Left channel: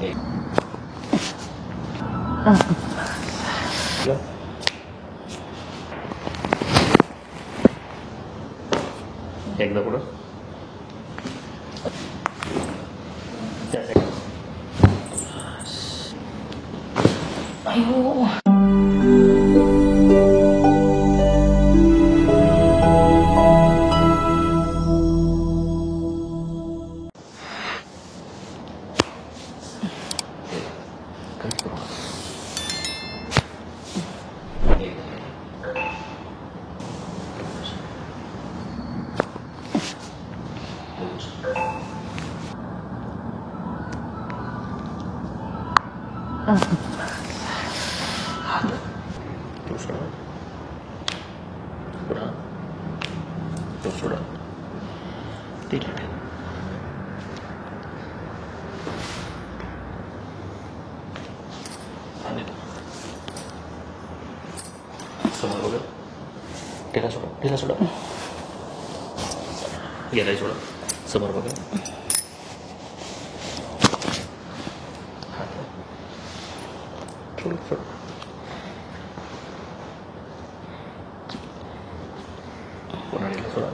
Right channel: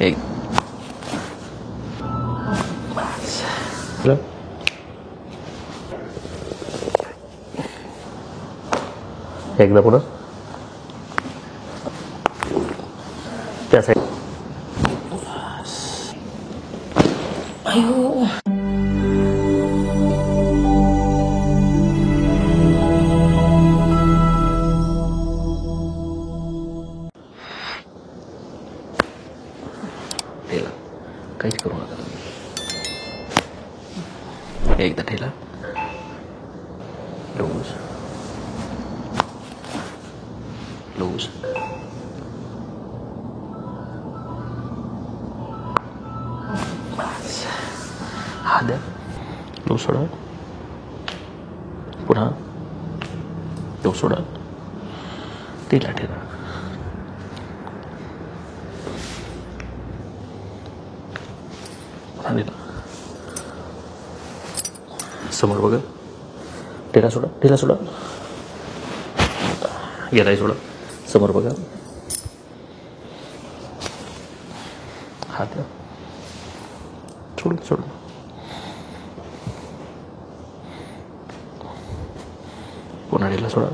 एक एकदा पुढं त्या साईड. काहीच करू नका. एकदा ठेला लूज लूज हा द्या लूज सोडा पुन्हा लूज सोडा ठेला ठेला समोर बघा ढिला सोडा गेलाय सोडा समोर बघा हात सोड पुन्हा ढिला सोडा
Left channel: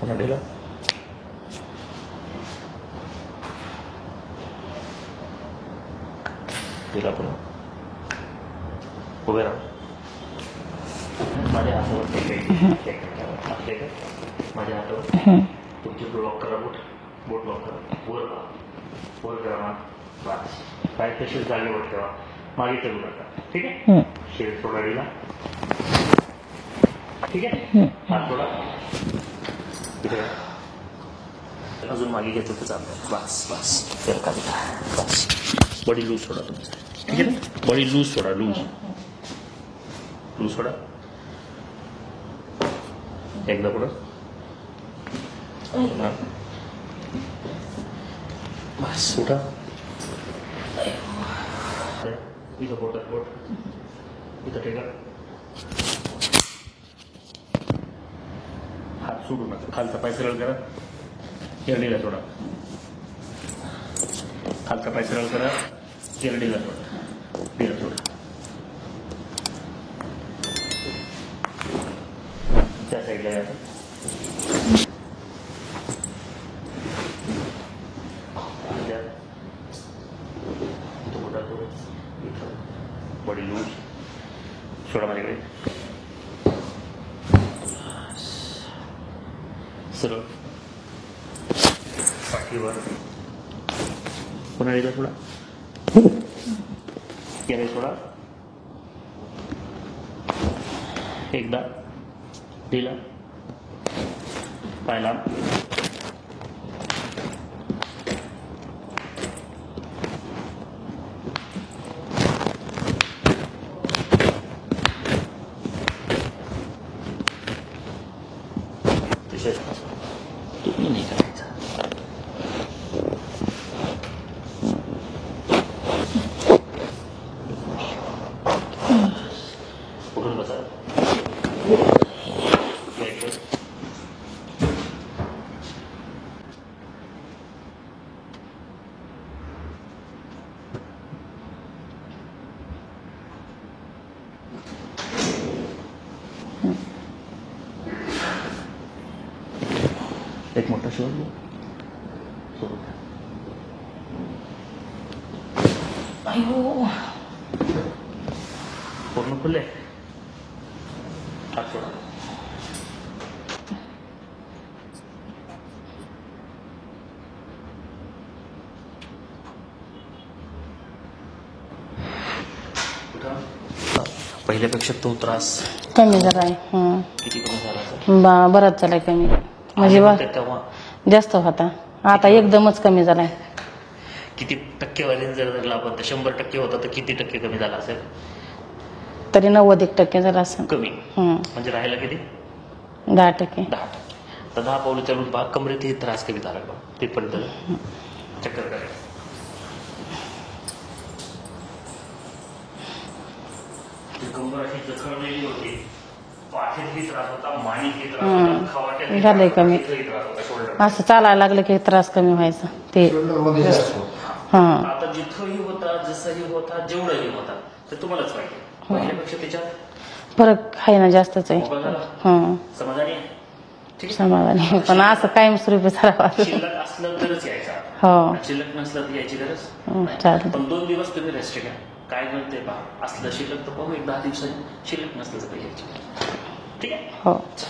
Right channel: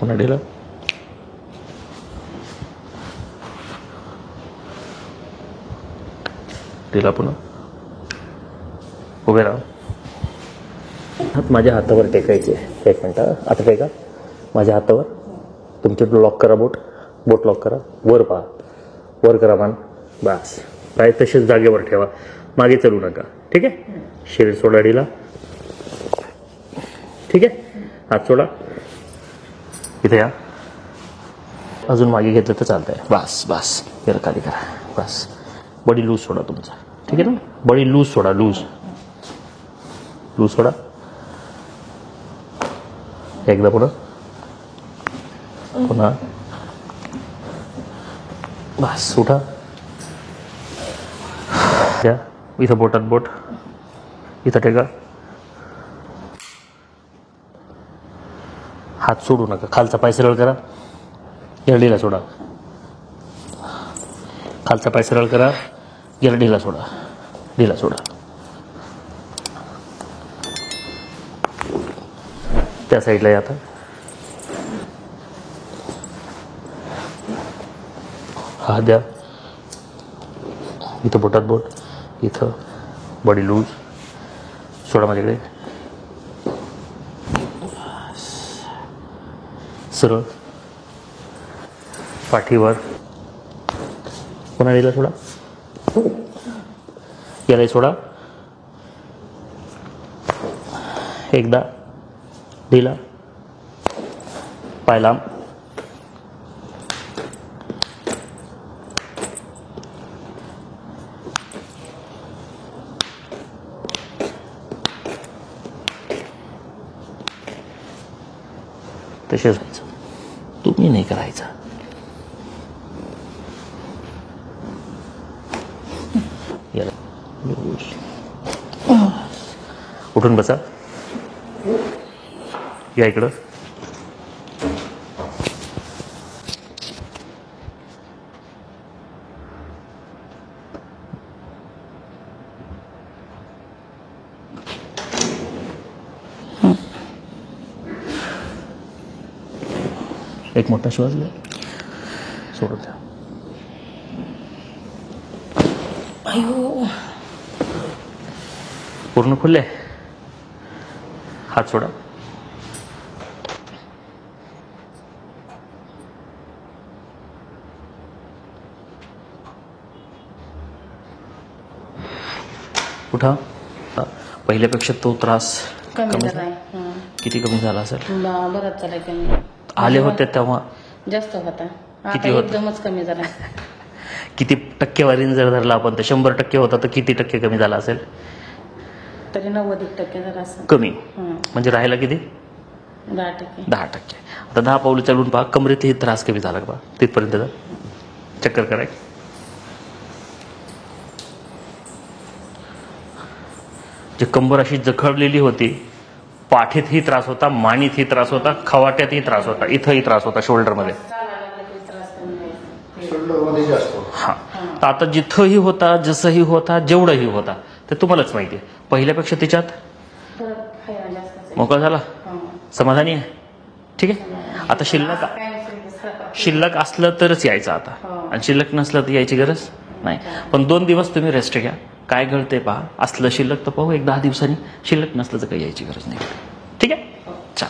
पुन्हा ढिला ढिला पुन्हा उभे राहा. माझ्या हातावर टेकायचे. एक मिनिट आता टेका माझ्या हातावर. तुमचे लॉक करा बोट लॉक करा. वर पहा वर करा मान. बस पाय तसेच जागेवर ठेवा. मागे चलू नका. ठीक आहे. शरीर सोडा ढिला. ठीक आहे. हात सोडा. इथे या. अजून मागे घेतलं तर चालतंय. बस जरा खाली करा. बस बॉडी लूज सोडा तुमचा. ठीक आहे ना. बॉडी लूज सोडा. लूज सोडा. एकदा पुढं पुन्हा बस उठा. द्या इथं बोटात बोट. इथं टेका. हात सोडू नका. खालचा पाय सरळ करा. याला ढिला सोडा. खालचा पाय सरळ करा. याला ढिला सोडा. त्या साईडला या. आता हात द्या. इथं बोटात बोट. इथं बॉडी लूज सोडा. माझ्याकडे सरळ पाठीवर. पुन्हा ढिला सोडा. याला सोडा. एकदा ढिला. पाय लांब. तसेच तुम्ही नाही करायचं. उठून बसा. या इकडं. एक मोठा श्वास घ्या. सोडून द्या. पूर्ण खुले. हात सोडा. उठा. पहिल्यापेक्षा तो त्रास कमी झाला. किती कमी झाला असेल? बराच झालाय कमी. आले होते तेव्हा जास्त होता. आता एकदमच कमी झालाय. किती टक्केवारीने जर धरला आपण तर 100% होता तर किती टक्के कमी झाला असेल? तरी 90% झाला असेल. कमी. म्हणजे राहिला किती? 10%. 10%. आता 10 पावलं चालून पहा, कमरेतही त्रास कमी झाला का पहा, तिथपर्यंत जा. चक्कर करायची. जे कंबर अशी जखडलेली होती, पाठीतही त्रास होता, मानीतही त्रास होता, खवाट्यातही त्रास होता, इथंही त्रास होता, शोल्डर मध्ये. असं चालायला लागलं की त्रास कमी व्हायचा ते. हा. तर आता जिथंही होता, जसंही होता, जेवढंही होता, ते तुम्हालाच माहिती. पहिल्यापेक्षा त्याच्यात फरक आहे ना, जास्तच आहे. मोकळा झाला, हं. समाधानी आहे. ठीक आहे. समाधानी आहे. आता पण शिल्लक- असं कायमस्वरूपी झाला. शिल्लक असलं तरच यायचं आता, हो. आणि शिल्लक नसलं तर यायची गरज नाही. चालेल. पण 2 दिवस तुम्ही रेस्ट घ्या, काय घडतंय पहा. असलं शिल्लक तर पाहू, एक 10 दिवसांनी. शिल्लक नसलं तर काही यायची गरज नाही. ठीक आहे. हो. चल.